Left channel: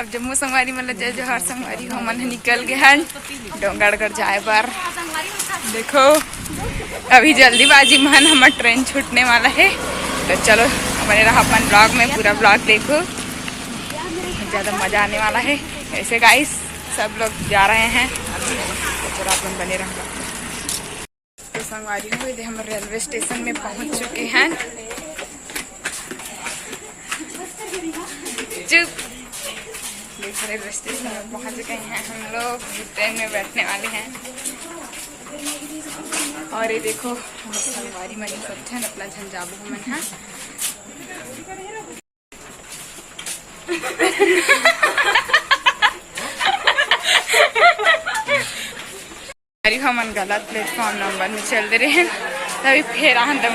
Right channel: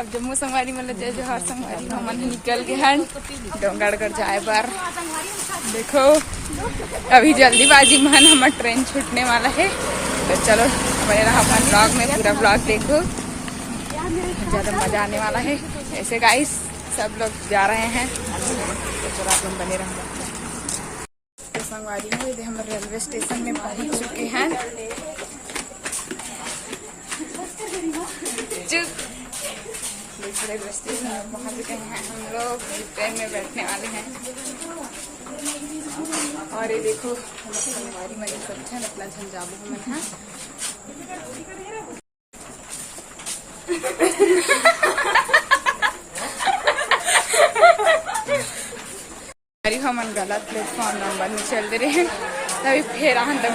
अब जम्मू संगवारी मतलब जय जोहार संगवारी हो मन निकल गए हैं डोंगरगढ़ जाए पर। देखो अभी जल्दीबाजी में हमारा ट्रेन छूटने वाला है, तो चलो बने रहा अपन ब्लॉग में, पूरा ब्लॉग देखो, ज़्यादा मज़ा आने वाला है। ऐसे गाइस सब लोग जा रहे हैं, तो चलो अपन बने रहा। तो संगवारी हो हम रेलवे स्टेशन में पहुंच चुके हैं। रेलवे स्टेशन में पहुंच गए हैं हम लोग, ट्रेन में बैठने वाले हैं। और ये देखो हम संगवारी मनी सब छन अपना झंझाबू मन है। हमन गलत प्लेटफॉर्म नंबर में चल दे रहे हैं, तभी फिर आन दम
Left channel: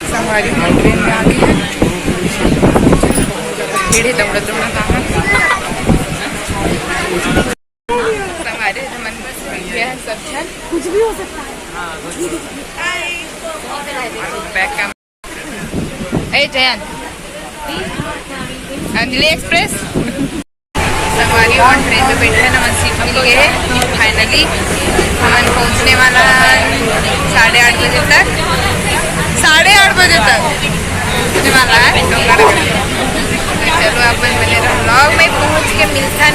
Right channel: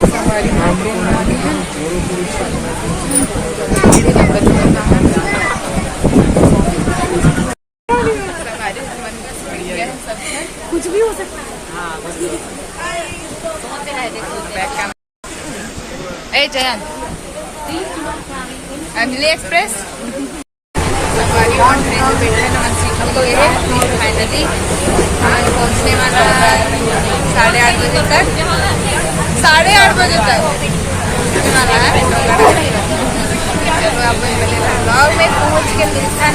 संगवारी हम ट्रेन में आ गए हैं। कुछ भी हो सकता है। ए जयंत अंजलि एक्सप्रेस संगवारी ऑन ट्रेन में बैठे हैं, नमन सीट मिल गए है फाइनली। हमन पहुंचने वाला 8:30 बजे तक, 8:30 बजे तक पहुंचने वाला है डोंगरगढ़। चलो अपन बने रहो ब्लॉग में, पहुंच के मिलता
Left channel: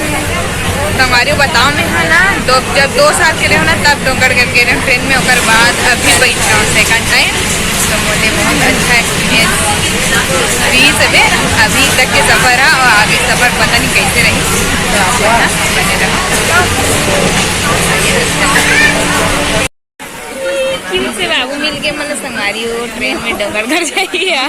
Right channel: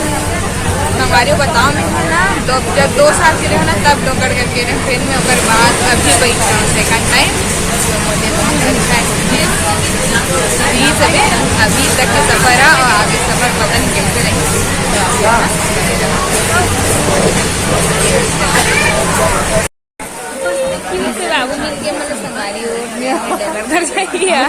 संगवारी बताओ में है ना, जब 2 साल के रहे हो ना तब डोंगरगढ़ के रहे ट्रेन में, और बाद अभी बैठ रहा हूँ सेकंड टाइम। तो मुझे बहुत अच्छा एक्सपीरियंस अभी तक के सफ़र है, और आगे सफ़र पता नहीं कैसे रही। तो आप ना बने रहो। क्यों से बाबू मिल के मतलब संगवारी हो ट्रेन में डोंगरगढ़ जाइए।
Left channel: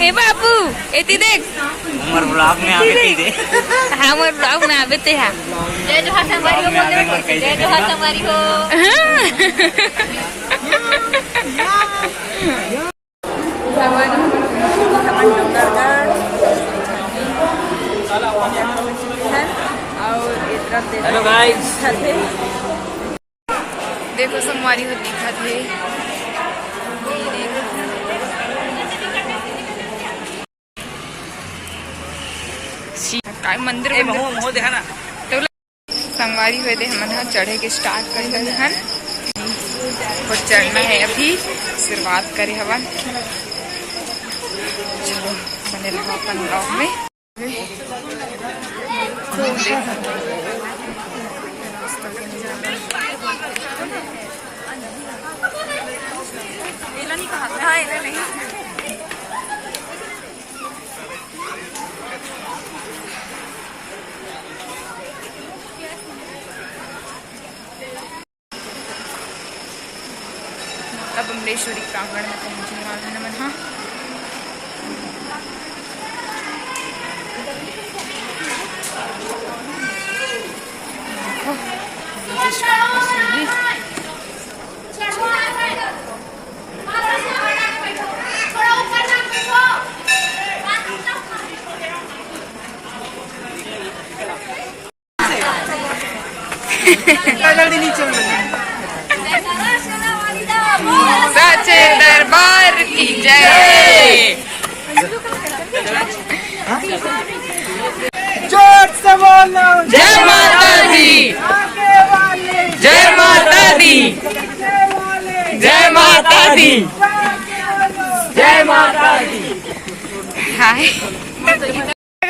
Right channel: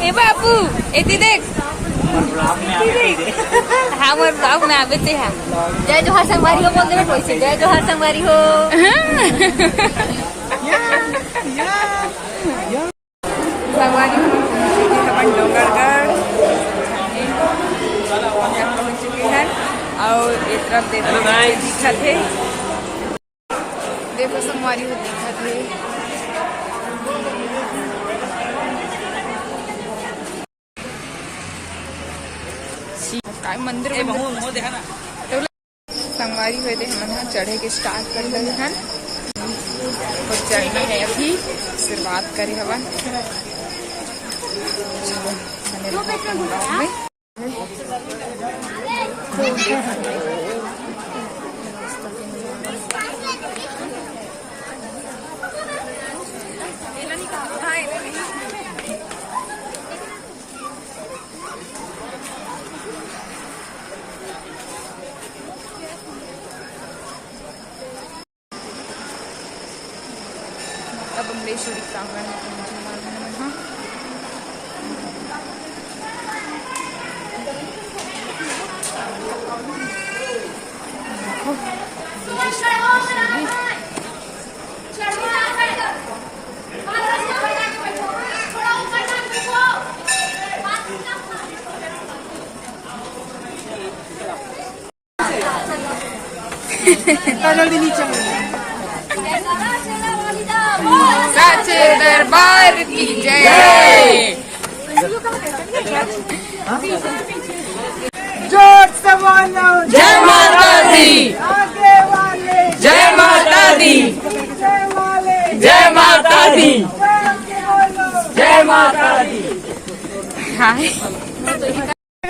ए बाबू एती देख हमर ब्लॉग में आवे ते है। जय जोहार संगवारी हो, बोल दे जय जोहार संगवारी हो। संगवारी हम डोंगरगढ़ और देखो संगवारी हो दिखा थे। मंदिर तो संगवारी हुए थे हम चढ़े के स्टार्ट कर रहे हैं, और चढ़ना है अभी, शुरुआत करे हवन। चलो बने रहो अपन ब्लॉग में। अब अमलेश्वरी प्रांगण में पहुंचने वाला है मन। हाँ जल्दी नीचे सच्चे दरबार की जय। जोर से बोलो जय माता दी, जय माता दी, जय माता दी, जय माता दी। हाय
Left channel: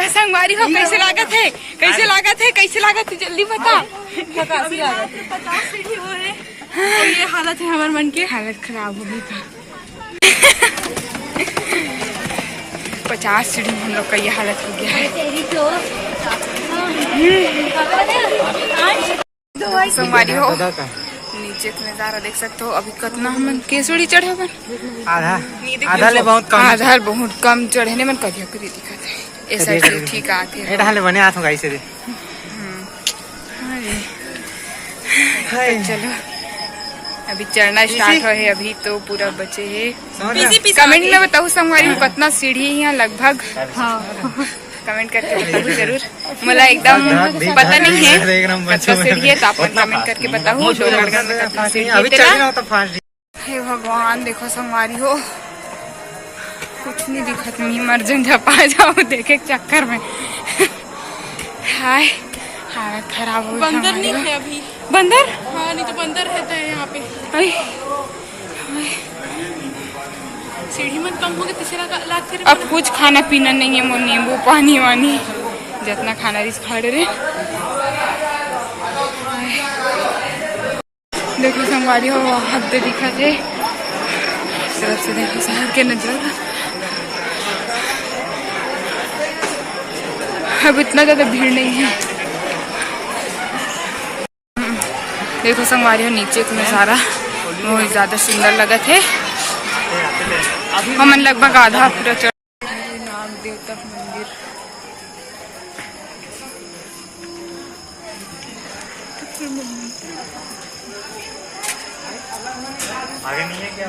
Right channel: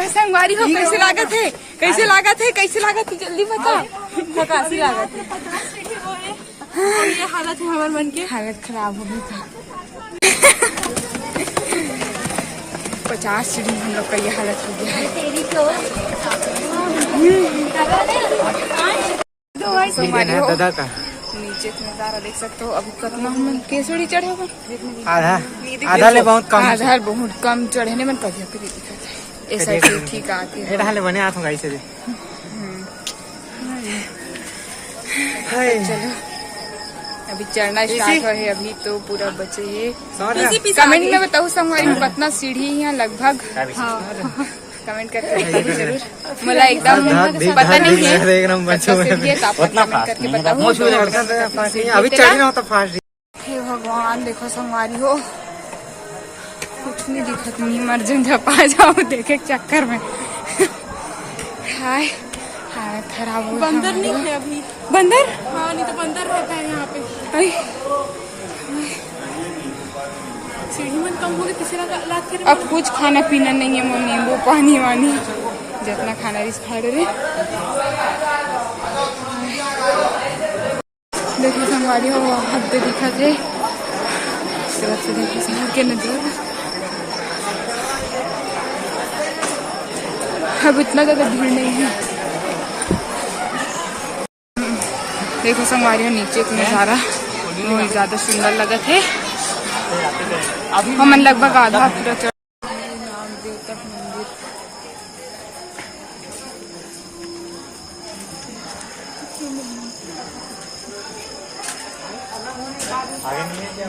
संगवारी हो, कैसे लागे थे, कैसे लागा थे, कैसे लागा थे, जल्दी बताओ। कैसी लागत ये हालत है हमारे मन की, हालत खराब हो गई था। 50 सीढ़ी हम लोग का ये हालत हो गया है। संगवारी हो नीचे का नजारा देख सकते हो। अभी कितना हम केसड़ी चढ़े अपन, आधा बहुत कम चढ़ने में कभी कभी दिक्कत है। ऐसा ठीक आती है बने हाथ गाई से चलो अभी चढ़ना स्टार्ट हो है, अभी तो पूरा बचे है। पीसी कमेंट में बताओ संगवारी कितना सीढ़ी है यहाँ लगभग, कमेंट करके बताओ जरूर। मला एकदम पता नहीं है कितना सीढ़ी है, तो आप कमेंट करके बताओ डोंगरगढ़ में कितना सीढ़ी है। हे भगवान, देखो संगवारी हो कुछ नहीं दिखत, नहीं मर झपा जाओ देखे चक्कर में। हाय हालत खराब हो बंदर नहीं है अभी। बंदर? हाँ, नहीं तो बंदर रहता है यहाँ पे। अरे सीढ़ी में कम होगी तीसरा लाख करे। अब कुछ खाना पीना नहीं है, वो नींबू पानी वानी जितना खाना रिस खा रहे। देखो संगवारी हो हफ्ते दिखा थे इस तरफ से, देखो शहर के नजारा। अब इतना ज्यादा भीड़ नहीं है। देखो संगवारी हो नीचे का नजारा बहुत ज्यादा सुंदर लगा थे। हमन लगभग आधा पूरा चढ़। नाग देवता मंदिर, आगे नहीं है क्या?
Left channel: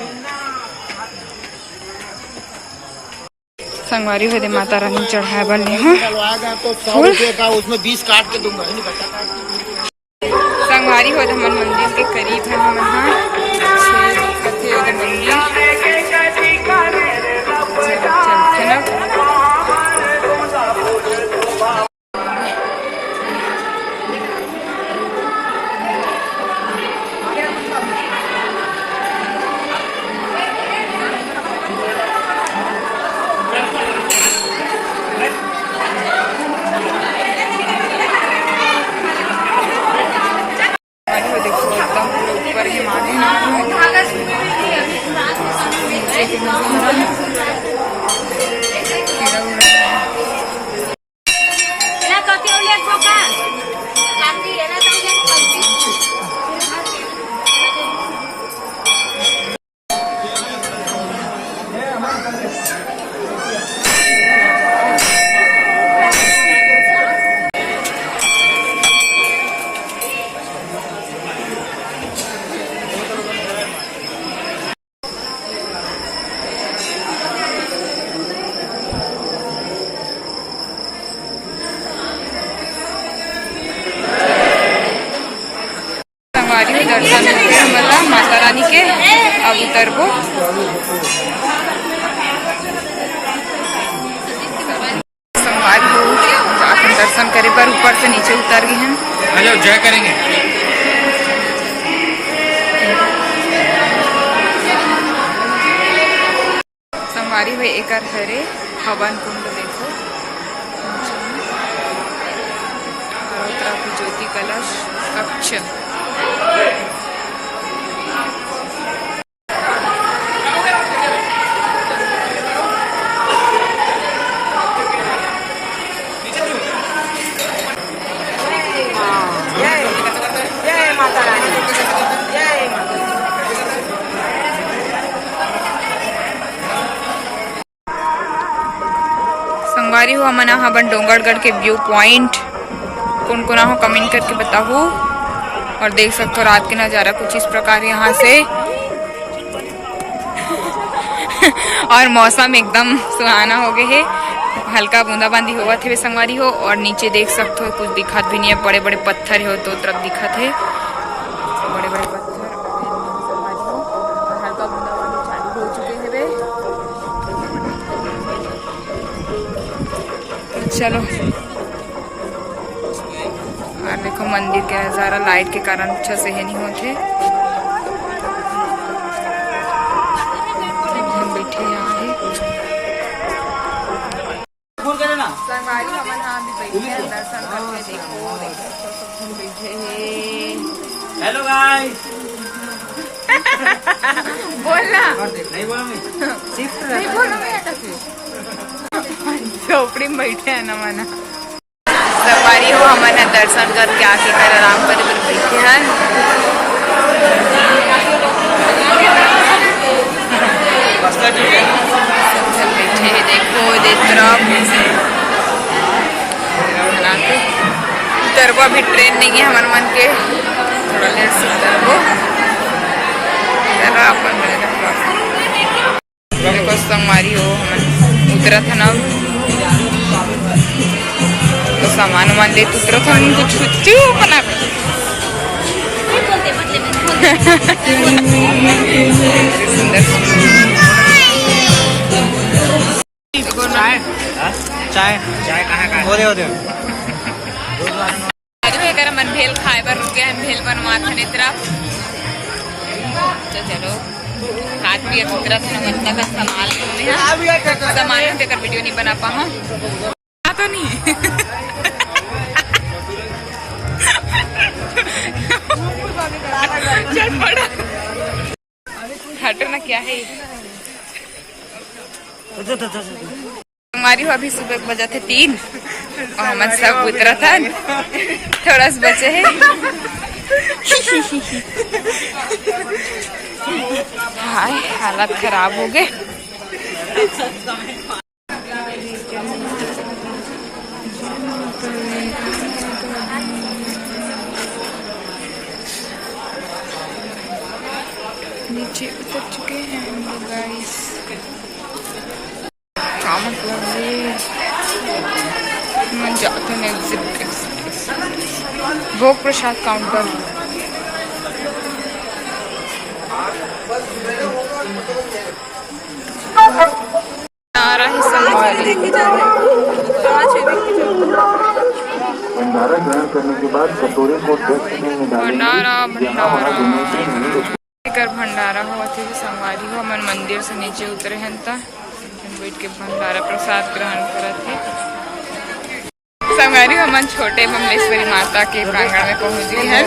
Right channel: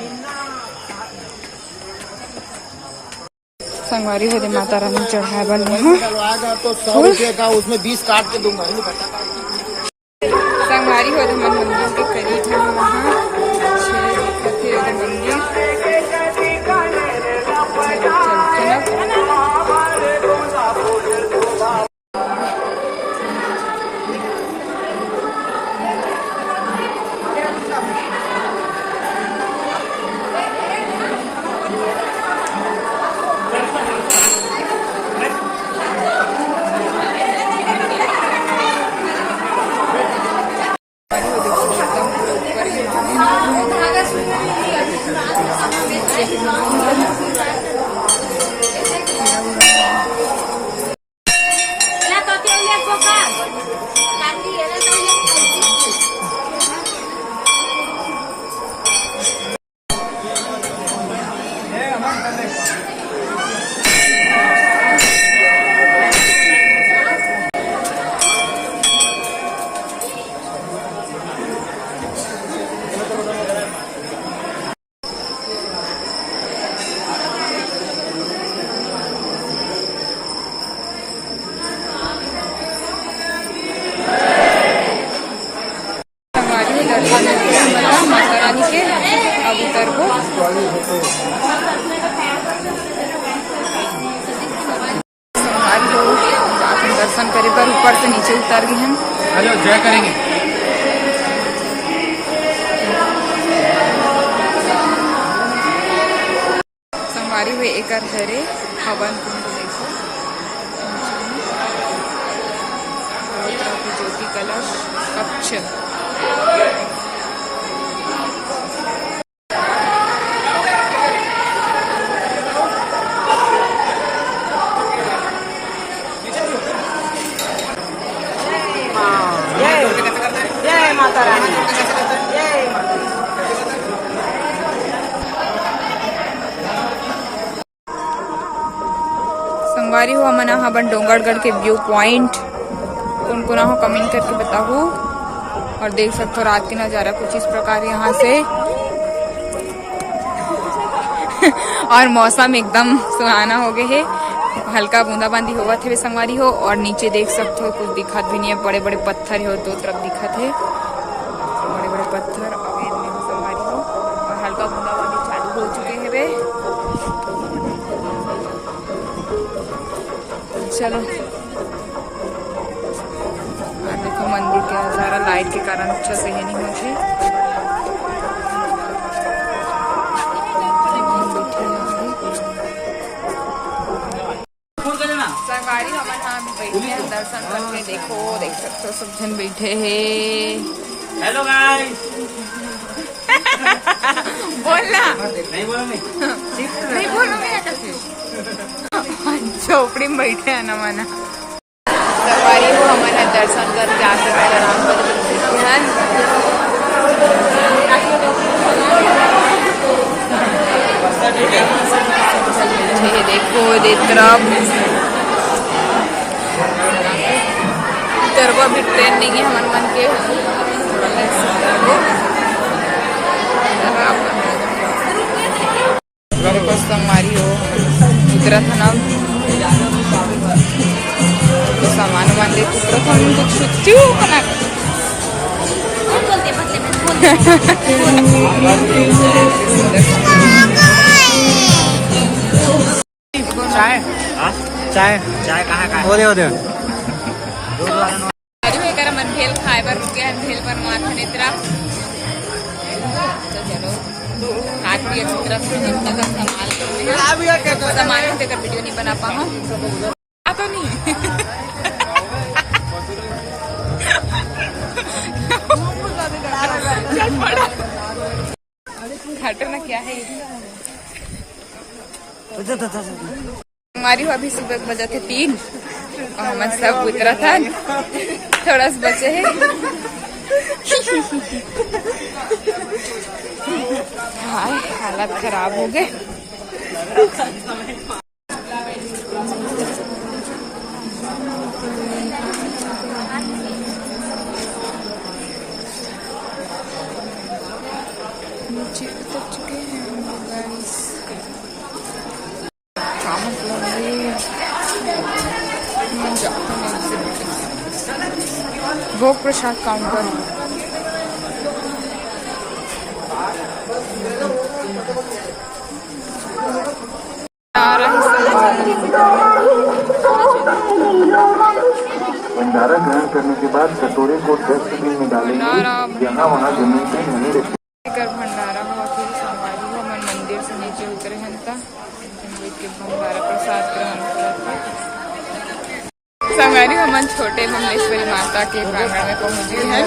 संगवारी हो दे माता रानी चढ़ाए बने हूँ तो 100 रुपये का उसमें 20 काट के दूंगा। संगवारी हो दे मन मंदिर के करीब है हम यहाँ कथे हो दे मंदिर। चलते ना दर्शन होते हमारा माता रानी के। अब उतरबो संगवारी हो जाकर दर्शन करे पर ऊपर से नीचे उतर गए हैं। हेलो जय करेंगे। संगवारी हुए एक हरे हवन कुंड देखो, और तरफ ज्योति कलश कक्ष। संगवारी हो मना हवन डोंगरगढ़ के व्यू पॉइंट कौन कौन हो कमेंट करके बताओ। और देख सकते हो रात के नज़ारा कुछ इस प्रकार यहाँ से। और मौसम एकदम सुहाना हो गए है, हल्का बूंदाबांदी हुआ थे संगवारी हो। और नीचे देख सकते हो कुछ दिखत भी नहीं है, बड़े बड़े पत्थर हो दो तरफ दिखत है, बड़े बड़े पत्थर संगवारी हो। और हल्का बूंदाबांदी चालू हो चुके हैं वे। चलो और देखो मंदिर के नज़ारा लाइट के कारण अच्छा से है नहीं होते। बैठे यहाँ है संगवारी हम यहाँ भी बैठे हैं दर्शन करके। देखो देख सकते हो सब जन बैठे हैं। Hello guys. बोलना नहीं बोलोगे? नहीं बोलोगे या कैसे? झोपड़ी में बैठे हैं ना मना। सवारी हो हमारे दर्शन करके आके कर आराम करे पर बैठे हैं। बैठे हैं देखो उतरबो। अभी ट्रेन नहीं है हमारे मन के, थोड़ा लेट से उतरबो। संगवारी हो हम उतरा था ना तो सामान वामान ले उतरा था कुछ चू बना चाय चाय कहाँ बोले होते मन भेल खाए पर रुके हैं भेल पर माथा नेत्रा तो चलो काट भी अच्छी तरह से मतलब संभाल देकर वीडियो नहीं बना पा तो नहीं हटो ना क्या है हमारी हो अभी सुबह बजा थे 3 और हम सब उतरा था थोड़ा सा बचे है हाय हालत खराब हो गए नीचे उतर चुके हैं हम लोग गाइस क्या मतलब ये जाते हैं एग्जिट भोग प्रसाद काउंटर आ रहा है संभाली भंडारा ग्रहण करने के बाद कटोरे को डस्टबिन में कर भंडारा हुआ थे संगवारी हो मन मंदिर से नीचे उतरे हैं बैठ के भंडारा प्रसाद ग्रहण करा थे संगवारी हो मन छोटे बमलेश्वरी माता के प्रांगण में पहुंच गए हैं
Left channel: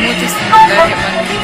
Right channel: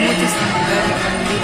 बहुत ही सुंदर है मंदिर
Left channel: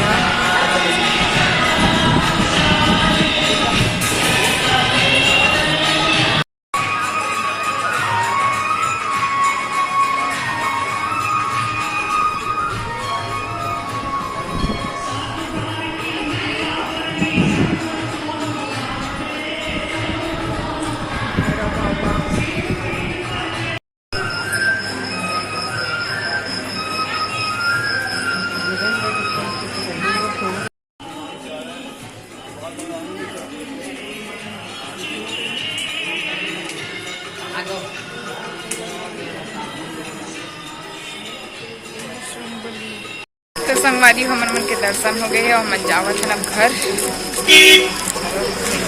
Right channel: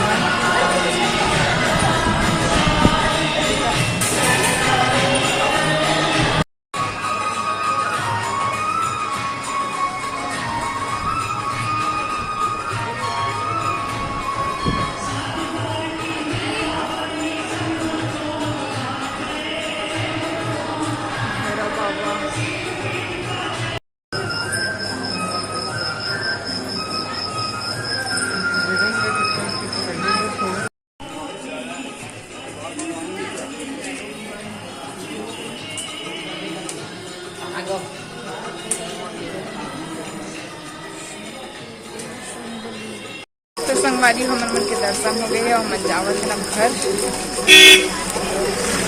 तो संगवारी हमर मन के दर्शन हो गए और मन जावत है घर।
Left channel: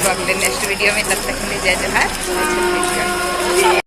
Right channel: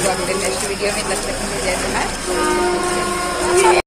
तो अगले नेक्स्ट वीडियो में तब तक के लिए जय जोहार।